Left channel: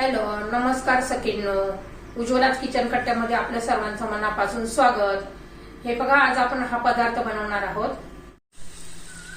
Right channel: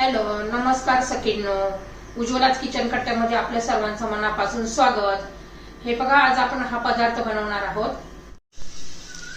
Hello, नमस्कार सखींनो. उज्ज्वलाच kitchen कट्ट्यामध्ये आपल्या सर्वांचं मनापासून स्वागत. हे बघा, आज आपण हा पदार्थ बनवणार आहोत.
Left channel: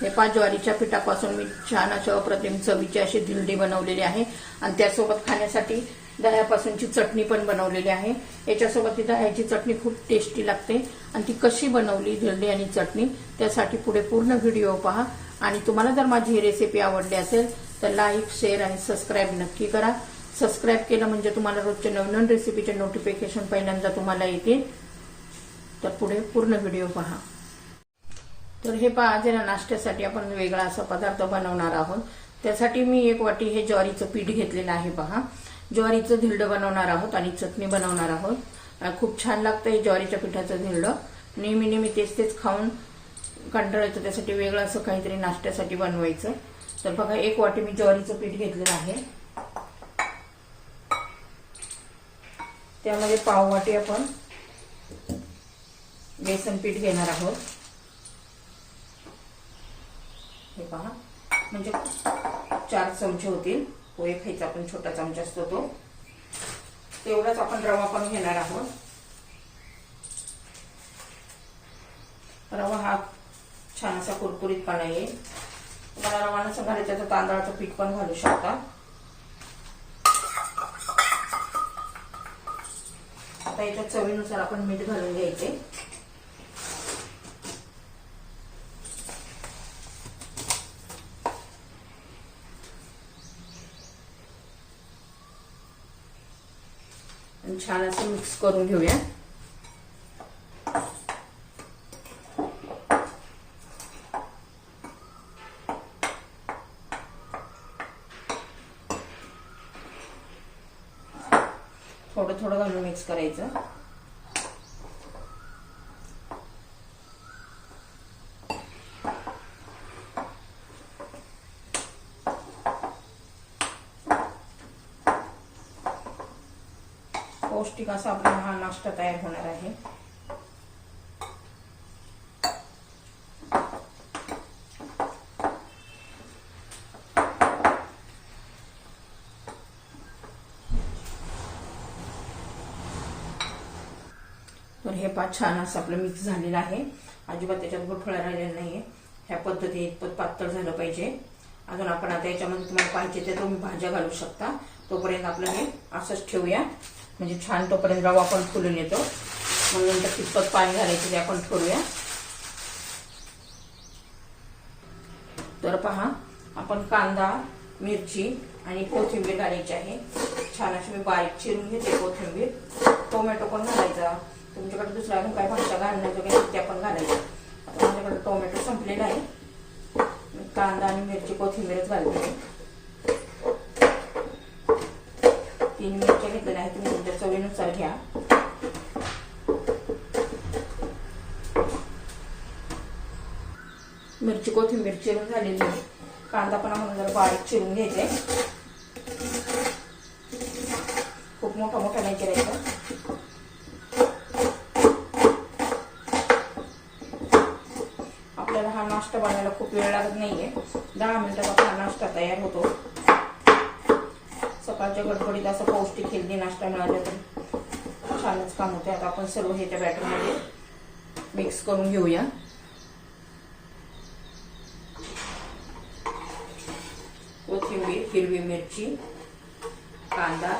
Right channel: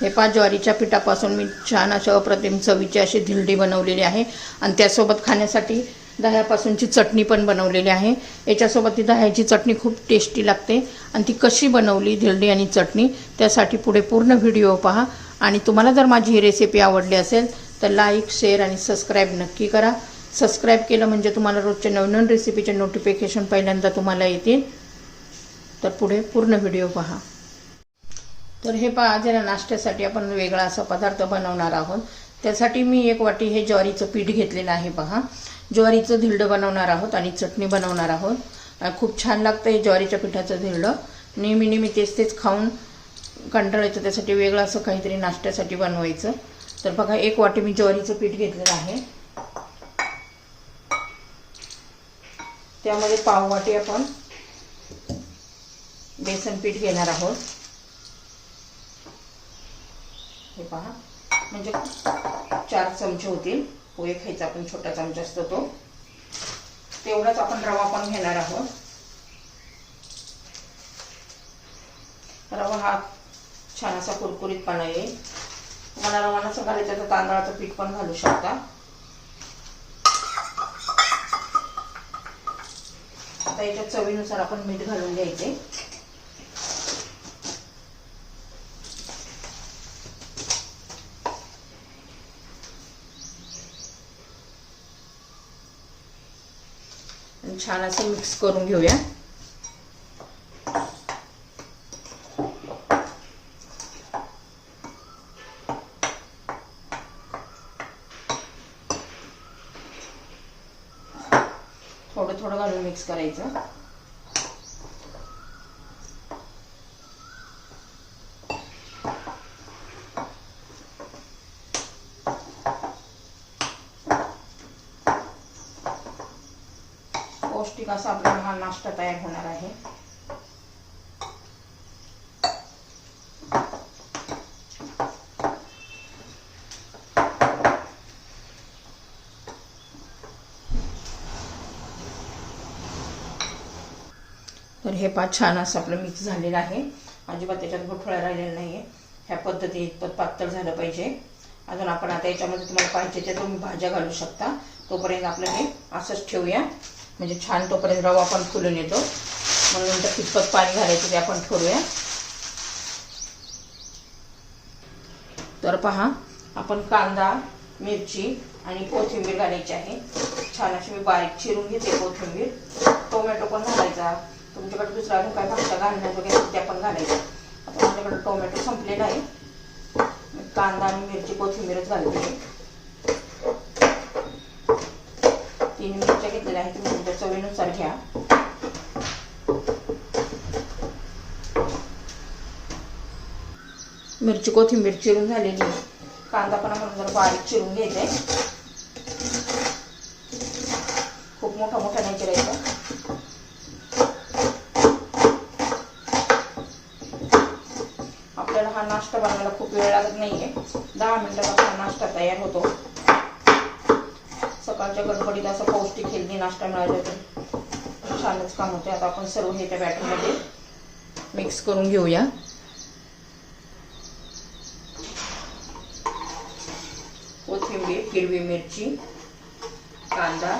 हे ज्वारीच्या पिठापासून मी छान अशा अप्रतिम चवीची अशी धिरडी बनवलेली आहे आणि त्यासोबत खाण्यासाठी दह्यापासूनची चटणी पण बनवलेली आहे. याच्यासोबत ती दह्याची चटणी खूप टेस्टी लागते आणि ती कशी बनवली धिरडी आणि चटणी त्यासाठी पुढे पूर्ण व्हिडिओ पहा. आणि तुम्हाला जर माझी ही रेसिपी आवडली असेल तर लाईक, शेअर आणि सबस्क्राईब नक्की करा. सबस्क्राईब केलं म्हणजे तुम्हाला रोजच्या नवनवीन रेसिपीचे नोटिफिकेशन पहिल्यांदा तुम्हाला येतील. तर पुढे पूर्ण व्हिडिओ पहा. तर हे आज ना नाश्त्यासाठी आपण वेगळा असा पदार्थ बनवणार आहोत. त्यासाठी मी 1 वाटी हे ज्वारीचं पीठ घेतलेलं आहे. पहा, ज्वारीचं धिरडं बनवणार आहोत आणि चटणी बनवणार आहोत. खूप छान लागतं हे ज्वारीच्या पिठाचं धिरडं. नेहमी तेच खाऊन कंटाळा येतो, त्यासाठी वेगळं असं काहीतरी नाश्त्यासाठी बनवायचं. तर बघा, 1 वाटी मी ज्वारीचं पीठ घेतलेलं आहे. त्यामध्ये पाव वाटी आपण बेसन पीठ घेणार आहोत. हे पहा, म्हणजे 4 चमचे होतील. पोहे खायचा आपण छोटा चमचा असतो तो, तेवढाच आपण रवा पण घेणार आहोत. रवा हा छान असा कुरकुरीतपणा येईल. मला रवा नसं घालायचं तर तांदळाचं पीठ पण घालू शकता. आता याच्या चवीनुसार आपण मीठ घालून घ्यायचे. छान असं मिक्स करून घेऊया. थोडं थोडं घालून मिक्स करायचं. पौष्टिक असा आपला हा नाश्ता तयार होणार आहे. तर हे छान असं आपलं मिक्स झालेलं आहे. अजिबात त्याच्यात गुठळ्या राहिलेल्या नाहीये. ह्या पद्धतीने इतपत पातळ झालं पाहिजे. अजून आपण आता याच्यामध्ये तुम्हाला पाहिजे ते तुम्ही भाज्या घालू शकता. तोपर्यंत आपलं हे असंच ठेवूया, म्हणजे छान तोपर्यंत रवा पण फुलून येतो. मग नंतर कितपत पाणी घालायचं ते आपण ठरवूया. तर पहा, आपण कांदा, मिरची आणि कोथिंबीर घालायची आहे. छान अशी मी बारीक चिरून घेते कोथिंबीर. टोमॅटो पण घालायचा. तुमच्याकडे दुसरा अजून काय भाज्या घालण्याचं वगैरे त्या पण घालायच्या. आता माझ्याकडे टोमॅटो संपलेला आहे. कांदा आणि मिरची, कोथिंबीरच घालते. 3 मिरच्या घेतलेल्या आहेत. तुम्ही तुमच्या चवीनुसार घ्या. मिरची, कोथिंबीर चिरून झालेली आहे. कांदा पण आपण जरा बारीक चिरून घ्यायचा. खूप मोठा नाही चिरायचा. आपल्याला हा नाश्ता बनवायला खूप वेळ लागत नाहीये. 10 मिनिटात आपला नाश्ता तयार होतो. सकाळच्या गडबडीत असं पौष्टिक हेल्दी नाश्ता मिळाला तर छानच काम होते. आता आपण सर्व हे त्या बॅटरमध्ये मिक्स करून घेऊया. कोथिंबीर, हिरवी मिरची, कांदा,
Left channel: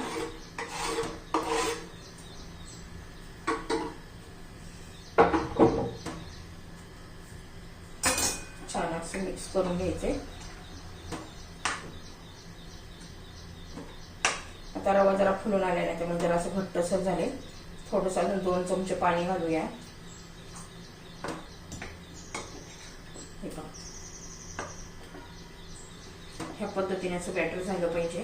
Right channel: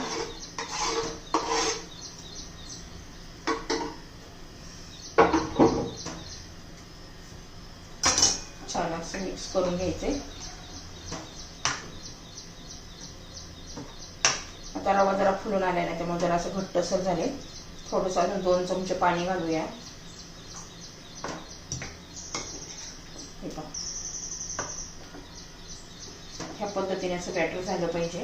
छान असं मिक्स करून घ्यायचे. आता रवा जरा फुलून आला नाही, त्यामुळे जरा असं घट्टसर झाले. थोडंसं अजून 2 चमचे पाणी घालूया. ह्या पद्धतीने असं बॅटर झालं पाहिजे.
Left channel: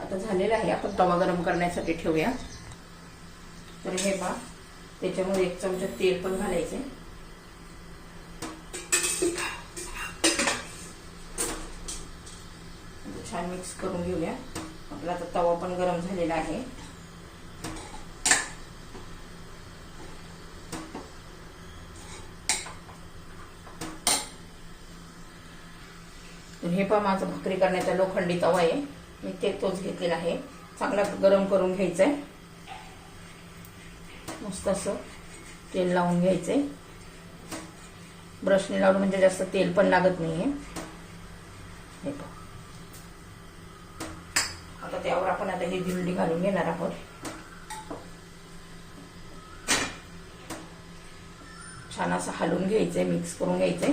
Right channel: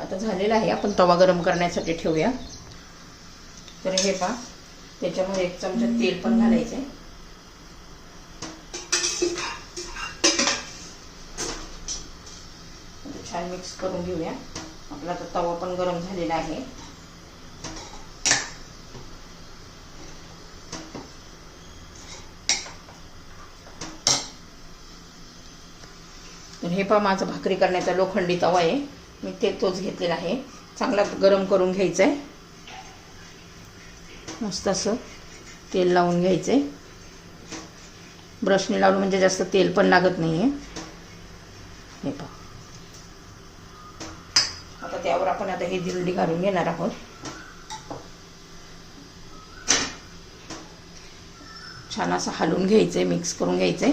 आता झालेलं आहे. आपण तवा गरम करण्यासाठी ठेवूया. तर हे पहा, त्याच्यामध्ये 1 चमचा तेल पण घालायचे. छान मिक्स करून घेऊया. आपला आता तवा पण गरम झालेला आहे. हे पहा माझा भाकरी करण्याचा लोखंडी तवा आहे, मी तोच घेतलेला आहे. चांगला गरम करून घ्यायचा आहे. मस्त असं तेल लावून घ्यायचंय. ब्रशने लावून म्हणजे जास्त तेल पण लागत नाहीये. हे पहा आता त्यावर आपण आता हे धिरडी घालून घेणार आहोत. छान असं हलवून घ्यायचंय, मिक्स करून घ्यायचंय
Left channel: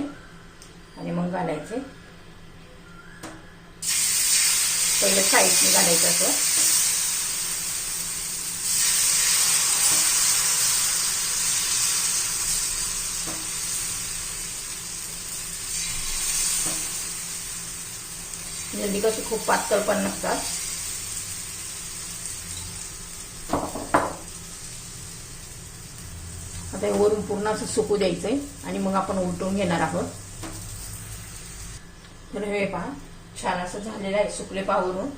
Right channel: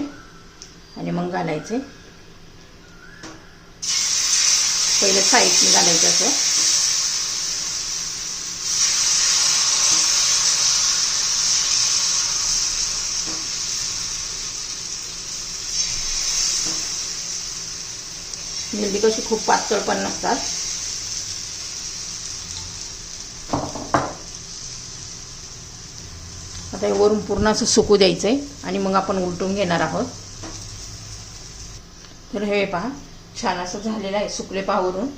आणि मग घालायचे. पहिले साईडने घालायचं असं. धिरडी कशी खूप पातळ पण नसतात. आता वरून पूर्ण असं सुकू द्यायचंय आणि मग आपण उलटून घेणार आहोत. तर हे पहा छान असं झालेलं आहे. सुकले पहा वरून.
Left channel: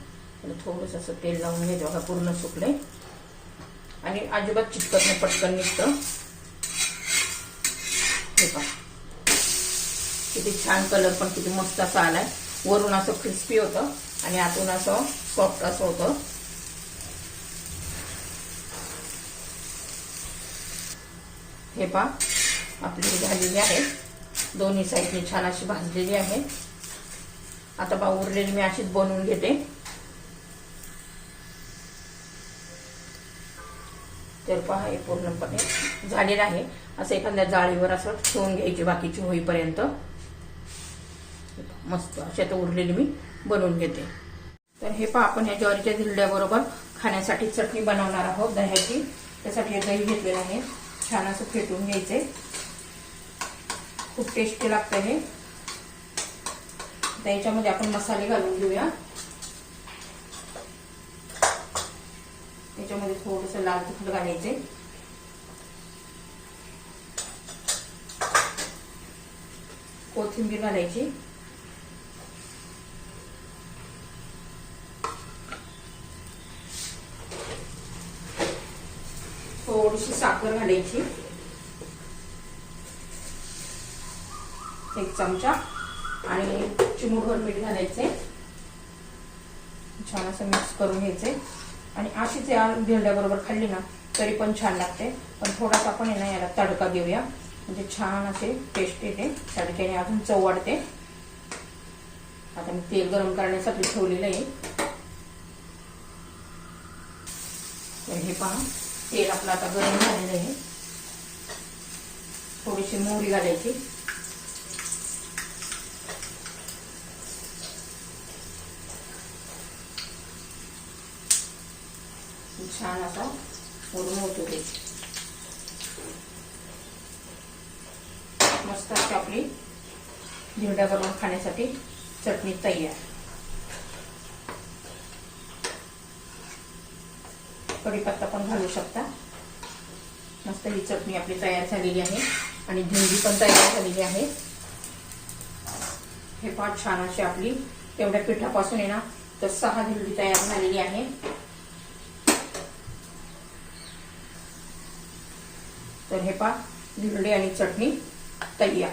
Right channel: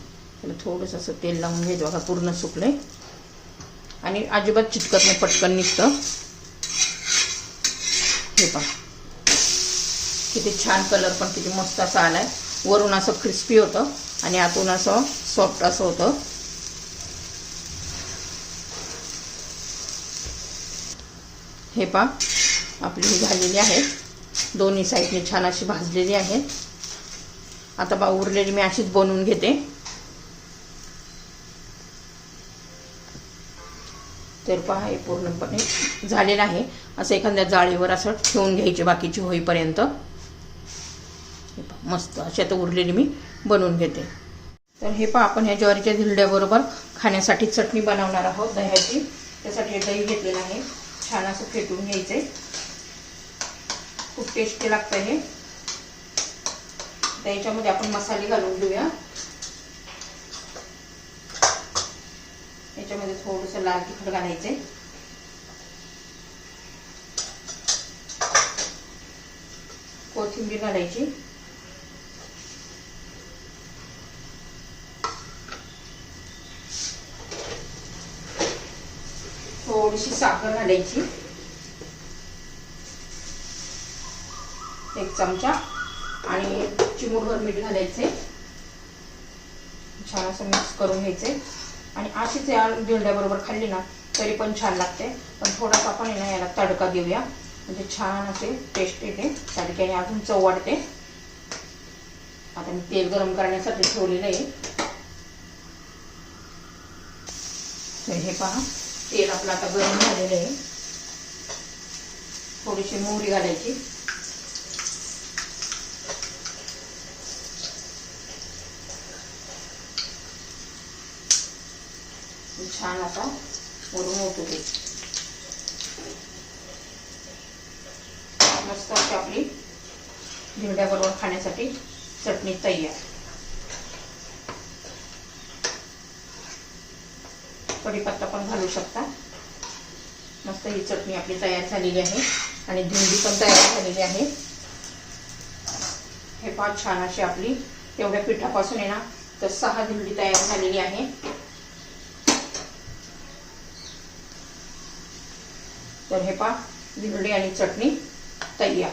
त्याला थोडंसं असं तेल लावून घ्यायचं बघा. पूर्ण सुकले आणि अजिबात चिटकत नाही, पटकन निघतं. हे पहा किती छान कलर पण किती मस्त असा आलाय. वरून असं क्रिस्पी होतं आणि आतून असं सॉफ्ट असं होतं. हे पहा आपली ही झालेली आहे. दोन्ही साईडने छान अशी भाजलेली आहे. आता पहा उरलेली मी अशीच बनवून घेते. तर पहा हे पूर्णपणे झालेलं आहे. असं एखाद्या जाळीवर असं ठेवून घ्यायचे बाकीची होईपर्यंत. मस्त अशी आता उरलेली मी बनवून घेते. तर हे पहा आपण ह्या ज्वारीच्या धिरड्याबरोबर खाण्यासाठी चटणी बनवणार आहोत दह्याची. त्यासाठी दही घेतलेलं आहे. छान असं फेटून घ्यायचे. खूप टेस्टी लागतं हे. त्याच्यामध्ये आपण मसाले घालून घेऊया. याच्यामध्ये थोडंसं लाल तिखट घालायचे. कोथिंबीर घालायची. थोडीशी साखर घालायची. 1 चमचा आणि चिमूटभर मीठ घालायचे. छान असं मिक्स करून घ्यायचे. आणि अशीच या धिरड्याबरोबर खाल्ली ना तरी पण छान लागते. पण थोडासा आपण आहे ना याला तडका देऊया म्हणजे छान असे टेस्ट येते. तडक्याने अजून चव वाढते. आता मी तेल गरम करण्यासाठी ठेवलेलं आहे. हे पहा तेल आपलं आता गरम झालेलं आहे. थोडीशी मोहरी घालायची. छान असा वरून होतो ते. मस्त अशी आपली धिरड्याबरोबर खाण्यासाठी चटणी तयार. कढीपत्ता पण घालू शकता. मस्त ही चटणी आपली तयार झालेली आहे आणि धिरडी पण तयार झालेली आहे. हे पहा छान अशी आपली तेवढ्या पिठापासून आहे ना तर 6 धिरडी तयार झालेली आहे. तर हे पहा धिरडी आणि चटणी तयार.